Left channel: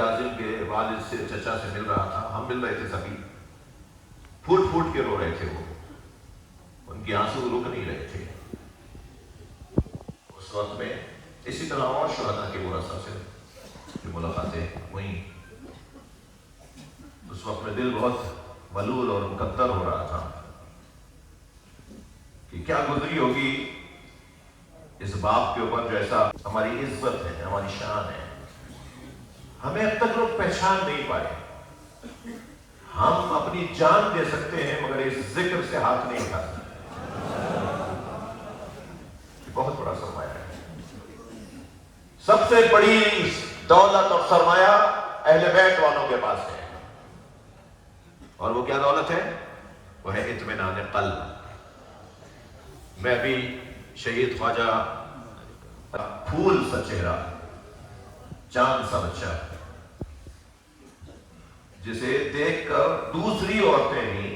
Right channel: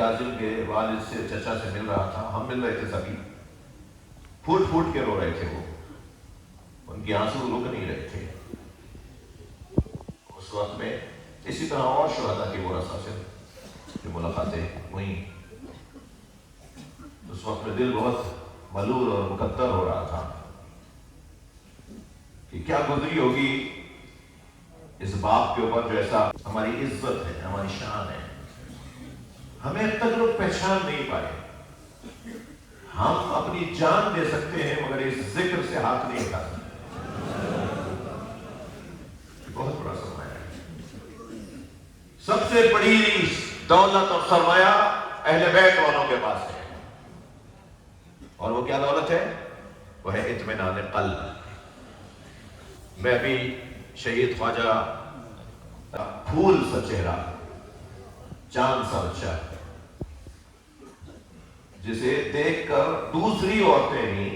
کاظم کے والد سے چچا سے مل رہا تھا، ہم مل رہے تھے سبھی، پھوٹ پھوٹ کے رو رہے تھے وہ، ان کی آنسو رک نہیں رہے تھے اس وقت میں۔ اسی طرح اور شہداء کے ورثاء سے جو ملاقاتیں ہوئیں، اس وقت میں دل بہت ملول اور مقدر ہو رہا تھا کہ کیا گزری ہوگی اس باپ کے اوپر جو ایسا ہماری عزت ہے، ہماری شان ہے، ہمیں اب تک لوگ پہچان نہیں پائے۔ ہم اپنی جان دے سکتے ہیں مگر اس ذکر سے ہاتھ نہیں اٹھا سکتے۔ بہت بڑا سرمایہ ہے، سب سے بڑی دولت اور سرمایہ اہل بیت والوں کے پاس ہے، اور وہ کیا دولت ہے؟ وہ ہے اطمینان قلب۔ میں ابھی شہید خواجہ پھول سا چہرہ، چاند سا بچہ، جسے دیکھ کر دوسری عورتیں بھی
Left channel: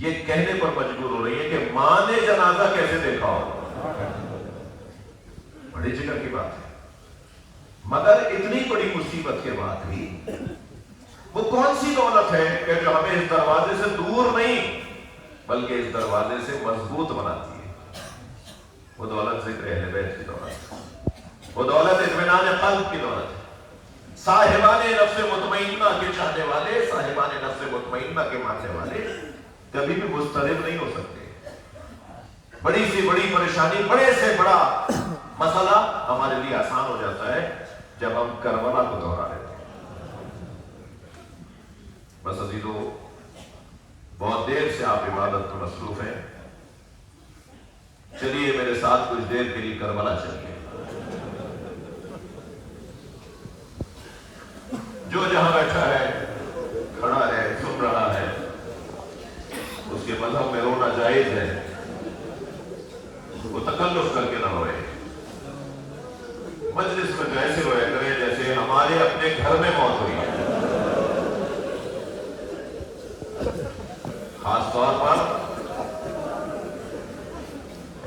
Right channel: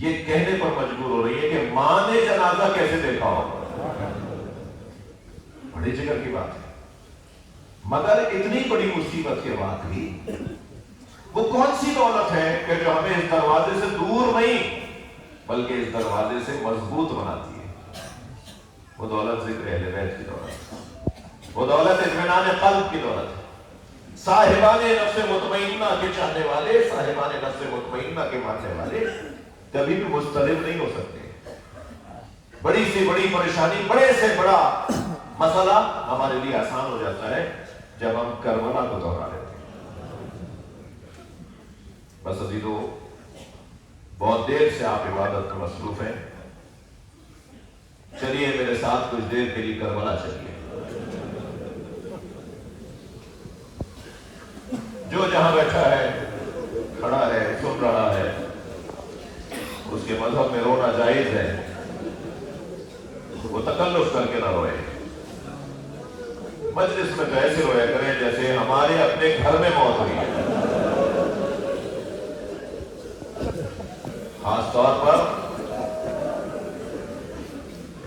یہ کہنے پر مجبور ہو رہی ہیں کہ ماں نے جنازہ کیسے دیکھا ہو۔ بڑی جگر کی بات ہے، مگر اتنی بڑی مصیبت کے بعد بھی وہ کون سی دولت ہے کہ جو ہمیں اس دروازے سے دور نہیں بلکہ اس دروازے سے مضبوط بناتی ہے؟ وہ دولت ذکر اہل بیت کی دولت، وہ دولت اطمینان قلب کی دولت ہے۔ صاحبان نفس مطمئنہ کے چاہنے والے، صاحبان نفس مطمئنہ کے ماننے والے کبھی بھی مضطرب نہیں ہو سکتے۔ بڑی سی بڑی پریشانی، بڑے سے بڑا مسئلہ ہمارے لیے آسان ہو جاتا ہے جب ہم کربلا کو دہرا لیتے ہیں۔ بس عزیزو، بہت دیر سے آپ عبادت میں مصروف ہیں، چلیے میرے ساتھ کچھ دیر کے لیے کربلا چلیے۔ جو جہاں بیٹھا ہے، کھڑا ہے، سن رہا ہے، اس کے مذہب میں رونا جائز ہے، وہ تکلف کر کے نہ روئے، مجلس میں ایسے رویا کرے جیسے ہمارے اپنے گھر میں موت ہوئی ہے۔ خاص طور پر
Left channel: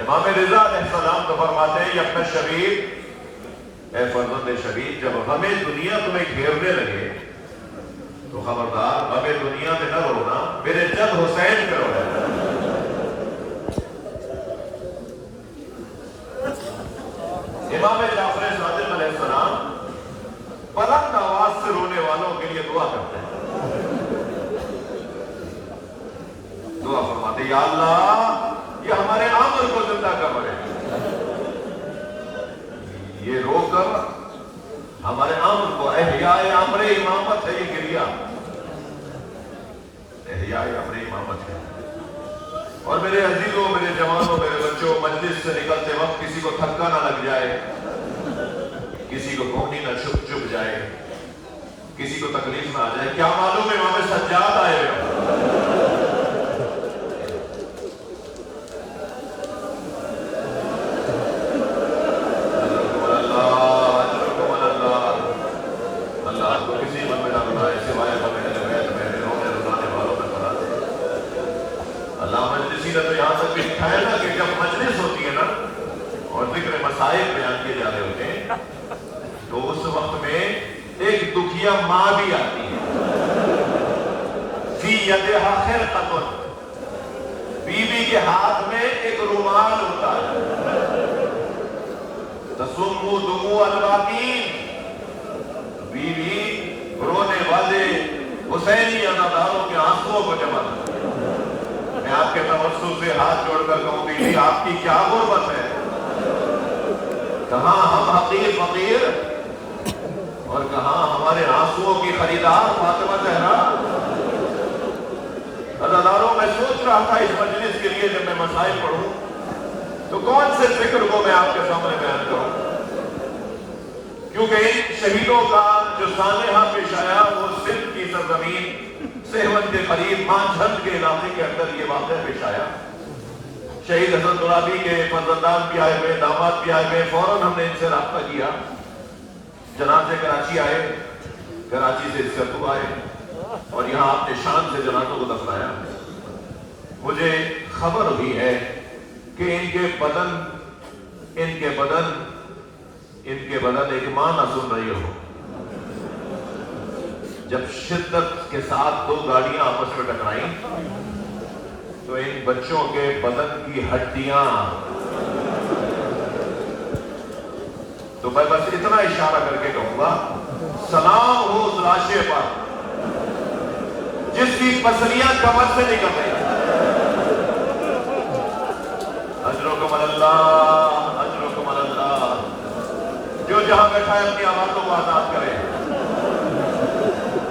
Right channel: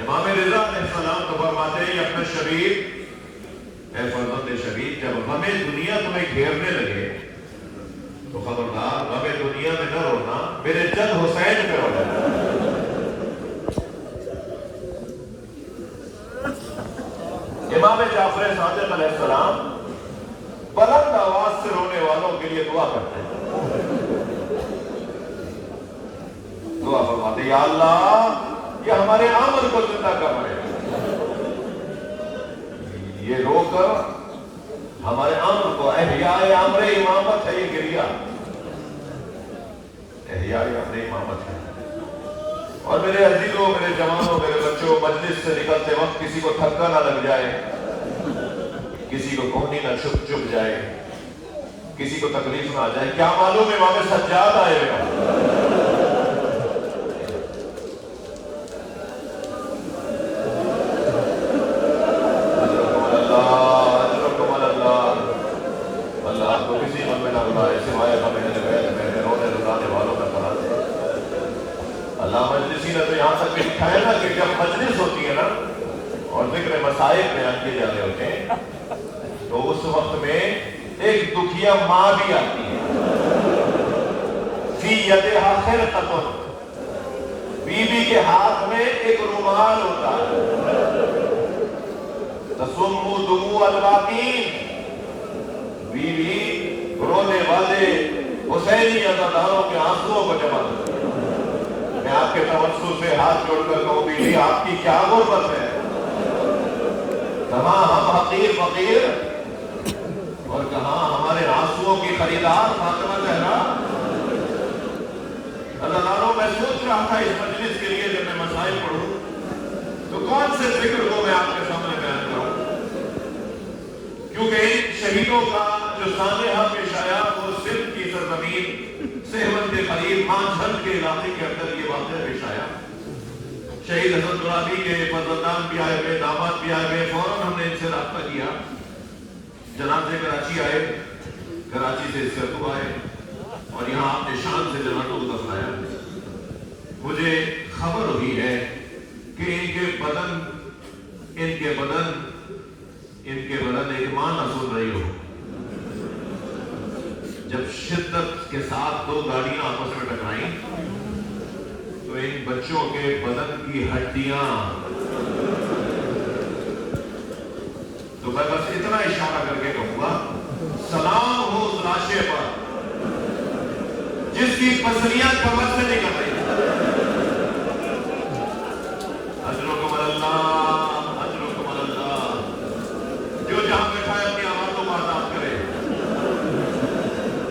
امام رضا علیہ السلام تو فرماتے ہیں، اپنا شبیر، اے فرزند شبیر، جب غم دنیا تمہیں گھیرنے لگے تو خبردار غم دنیا میں نہ رونا، میرے جد حسین پہ رو جانا۔ امام جعفر صادق علیہ السلام بلند آواز سے رونے والوں کے لیے دعا کرتے ہیں، دعا فرماتے ہیں، یا اللہ یہ ہمارے عمل کو زندہ کر رہے ہیں، یہ رو کر ہمارے عمل کو، احیاء امر امامت ہے یہ گریہ، احیاء امر امامت ہے۔ اور میرے عزیزوں، میرے جوانوں، میرے بچوں، مجلس سے نکلتے وقت کسی کو تھکا نہ لگ جائے، کسی کو کونی نہ چپ جائے، کسی کو تکلیف نہ آ جائے۔ کیا معلوم امام سجاد آئے ہوئے، ماں بھی آتی ہے، فی یدہا خرقۃ، بیوی کے ہاتھ میں ایک رومال ہوتا ہے، تصم دموع الباکین، بیوی رونے والے حسینی عزاداروں کے آنسوؤں کو جمع کرتی ہے۔ میں آپ کے توسط سے ہاتھ جوڑ کر کہوں، بیوی آپ کی کیا غربت ہے، کہاں ہم حقیر فقیر اور کہاں ہمارے آنسوؤں کی خریدار فاطمہ زہرا۔ اللہ تعالیٰ، میں سوچ رہا تھا اس مجلس کے لیے جب میں مسائل پڑھوں تو کون سے ذکر کو میں آپ کے سامنے بیان کروں، کیونکہ ان شہیدوں کا جو سانحہ پیش آیا وہ سندھ کی سرزمین سہون کے قریب مانجھل کے علاقے کے اندر یہ واقعہ پیش آیا۔ شہید حضرت گلابی کے فرزندان بھی آئے ہوئے، داماد بھی آئے ہوئے، فوراً ہم نے ان سے رابطہ کیا، جنازے کراچی آئے، کراچی سے اس کا دعا آئے اور یہاں اپنے شان سے جنازوں کو دفنایا۔ مجھے خبر ہوئی ہے کہ ان کے بدن ایک ماں نہ سن رہی ہو، جب شدت کے ساتھ دو گاڑیاں آپس میں ٹکرائیں تو ان بچوں کے بدن کی ہڈیاں، تو میں بس اتنا اشارہ کر کے کہوں گا، سلام ہو اس لاشے پر جس کی پسلیاں کمر سے نکل رہی ہیں۔ اجرکم اللہ، اجرکم اللہ۔ جو جہاں بیٹھا ہے اپنی آوازوں کو آزاد کرے۔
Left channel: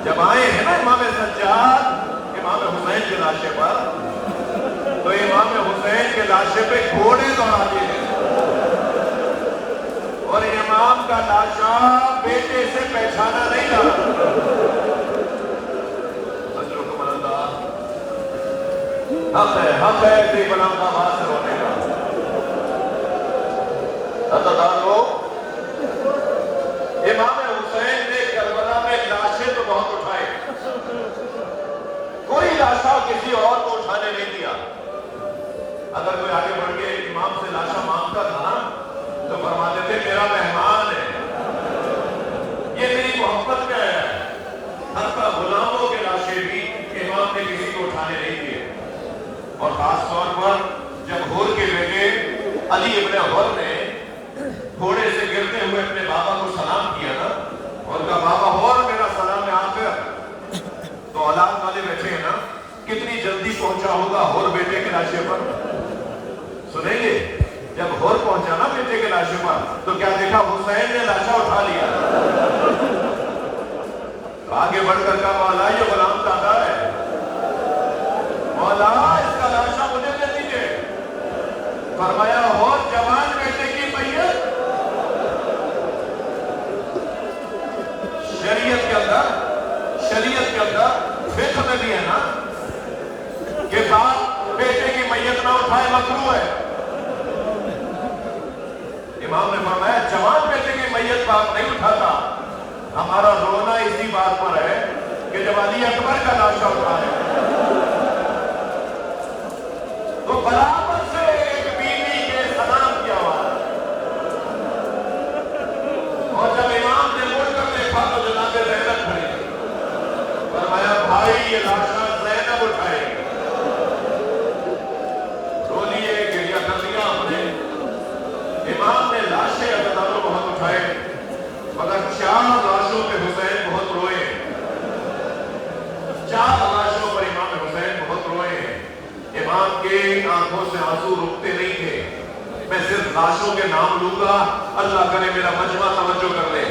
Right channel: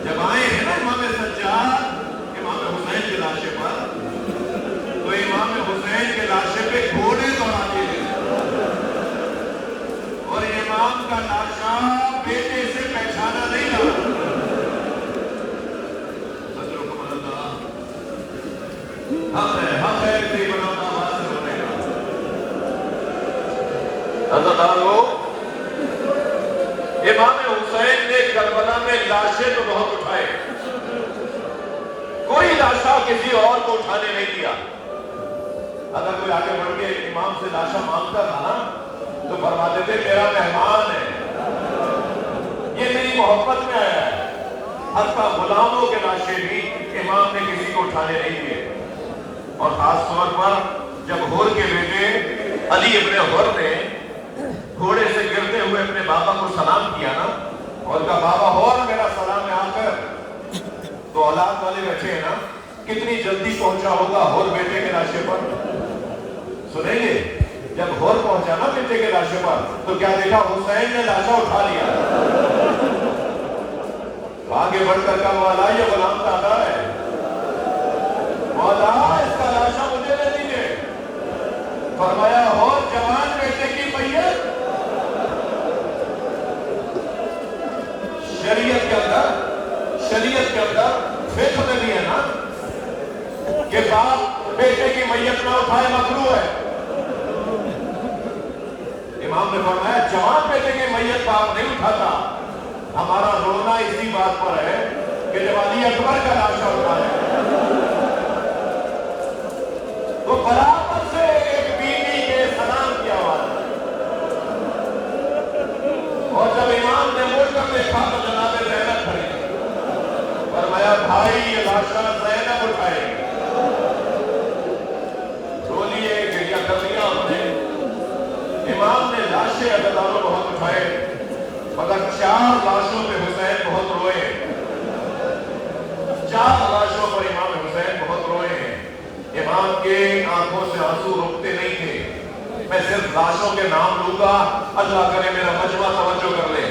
جب آئے ہیں نا امام سجاد امام حسین کے لاشے پر، تو امام حسین کے لاشے پہ گھوڑے دوڑاتے ہیں، اور امام کا لاشا بیٹے سے پہچانا نہیں جاتا۔ حق ہے ایسی بلند آواز سے ہونے کا۔ امام حسین نے کربلا میں لاشیں تو بہت اٹھائے، کوئی لاشا کسی اور کو اٹھانے نہیں دیا۔ اگر کوئی آگے بڑھ کے امام سے لاشا مانگتا تھا تو فرماتے تھے میرا مہمان ہے، یہ میری محبت میں آیا ہے۔ حتیٰ غلاموں کے لاشیں بھی امام نے کسی کو اٹھانے نہیں دیے۔ اور خاص طور پر جب ہور کے بیٹے علی ابن ہور نے گھوڑے سے گرتے ہوئے اپنے بابا کو سلام کیا نا، اور کہا بابا ہور میرا سلام ہے آخر، تو اولاد والے بیٹھے ہیں نا، کتنی جلدی پہنچا ہوگا ہور بیٹے کے لاشے پر۔ سنیں گے جب ہور پہنچا نا بیٹے کے لاشے پر تو کیا دیکھا؟ حسین نے لاشا اٹھا لیا۔ تو آگے بڑھ کر کہا مولا یہ غلام دادا ہے، مولا اس کا لاشا مجھے دے دیجئے۔ فرمایا ہور جوان بیٹے کی میت شریعت کے اندر فقہ میں بھی ہے نا کہ باپ بیٹے کی میت نہ اٹھائے مکروہ ہے۔ امام نے فرمایا جوان بیٹے کی میت باپ نہیں اٹھاتا۔ ہمارا رونا اسی بات پر ہے کہ جب علی اکبر کا لاشا ہو رہا ہے تو برابر سے ایک بیوی کے سلام کیا ہوا، اور جب امام نے مڑ کر دیکھا تو جناب زینب کھڑی، فرمایا بھائی یہ لاشا زینب اٹھائے گی۔ رو لیے، گریہ کر لیا ہم نے۔ امام نے لاشیں عزیزانوں بہت اٹھائے، مگر 4 لاشوں پہ حسین بہت روئے، 4 لاشوں پر امام حسین بہت روئے ہیں۔ امام کے آنکھوں سے آنسو رکتے نہیں تھے۔ میں صرف لاشوں کے نام لوں گا، اللہ کرے میرا مجمع توجہ کر لے۔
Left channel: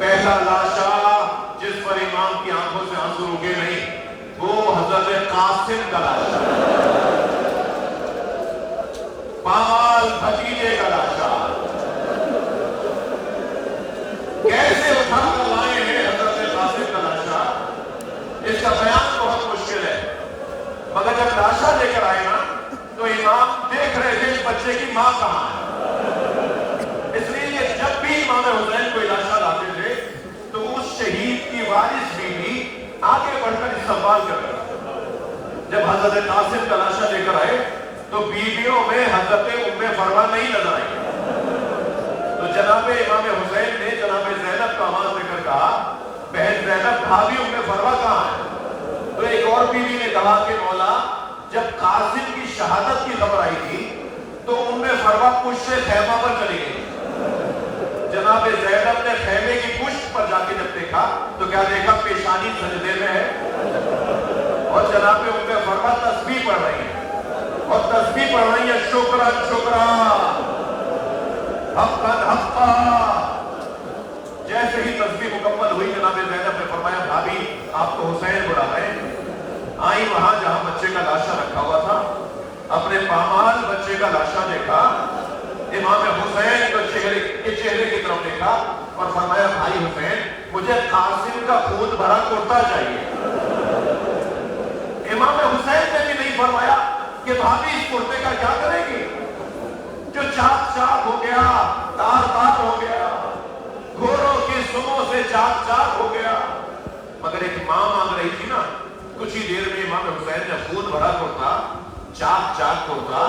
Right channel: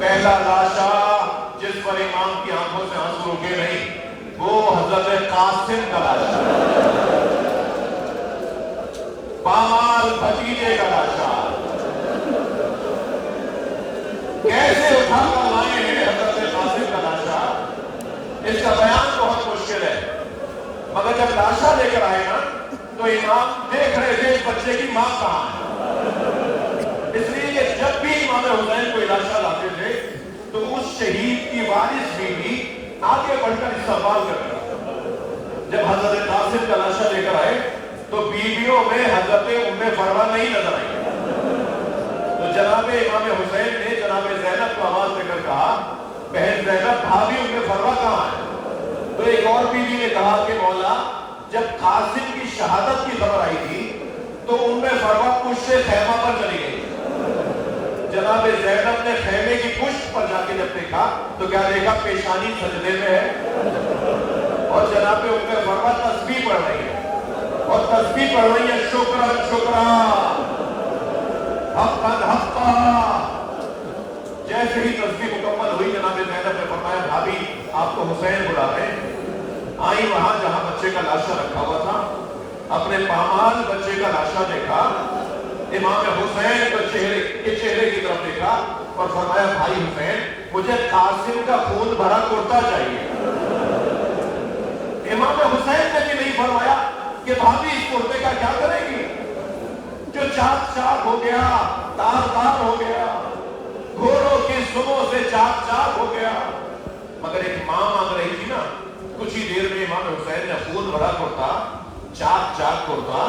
پہلا لاشا جس پر امام کی آنکھوں سے آنسو رکے نہیں وہ حضرت قاسم کا لاشا، پامال بھتیجے کا لاشا۔ کیسے اٹھا کر لائے ہیں حضرت قاسم کا لاشا، اس کا بیان بہت مشکل ہے، مگر جب لاشا لے کر آئے نا تو امام دیکھ رہے تھے اس بچے کی ماں کہاں ہے۔ اس لیے جب بھی امام حسین کوئی لاشا لاتے تھے تو اس شہید کی وارث بیوی آگے بڑھ کر استقبال کر رہا۔ جب حضرت قاسم کا لاشا لے کر آئے تو بیویوں میں حضرت ام فروا نہیں نظر آئی۔ تو جناب امام حسین نے جناب زینب کو آواز دے کر کہا بہن زینب بھابھی ام فروا کہاں ہے؟ تو ایک اور بیوی نے کہا کہ مولا جب قاسم کی شہادت کی خبر آئی تھی تو ام فروا پشت سے خیمہ پر چلی گئی۔ جناب زینب نے خیمے کی پشت پر جا کے جب دیکھا تو کیا دیکھا؟ پیشانی سجدے میں ہے، اور جناب ام فروا تسبیح پڑھ رہی ہے، اور تسبیح پڑھ رہی ہے شکرا شکرا حقا حقا۔ جیسے ہی تسبیح مکمل ہوئی جناب زینب نے فرمایا بھابھی آپ کو حسین بلا رہے ہیں۔ آئی وہاں جہاں بچے کا لاشا رکھا ہوا تھا، اپنے پامال بچے کا لاشا دیکھا، امام حسین کے چہرے کی طرف دیکھا اور فرمایا بھائی حسین مجھے قاسم کا خون بھرا کرتا چاہیے۔ امام حسین نے بھی نہیں فرمایا کہ بھابھی اس کرتے کا کیا کرے گی جو چاک چاک ہو گیا، تار تار ہو گیا، گھوڑوں کی سموں سے چاک چاک ہو گیا۔ مگر ایک ماں مانگ رہی تھی نا، کچھ ہی دیر میں امام حسین نے خون بھرا کرتا، چاک چاک کرتا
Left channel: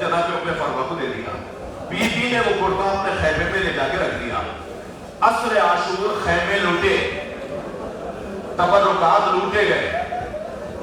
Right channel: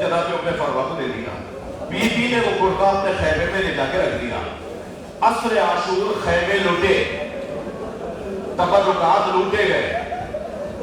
جناب ام فروا کو دے دیا۔ بی بی نے وہ کرتا اپنے خیمے میں لے جا کے رکھ دیا۔ عصر عاشور خیمے لٹے،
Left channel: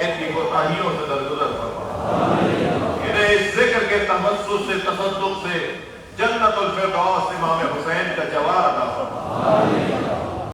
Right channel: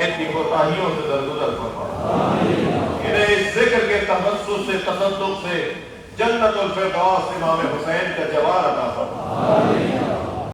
ان کی کوتاہیوں سے درگزر فرما، انہیں اس ذکر کے تبسم سے تصدق سے جنت الفردوس امام حسین کا جوار عطا فرما،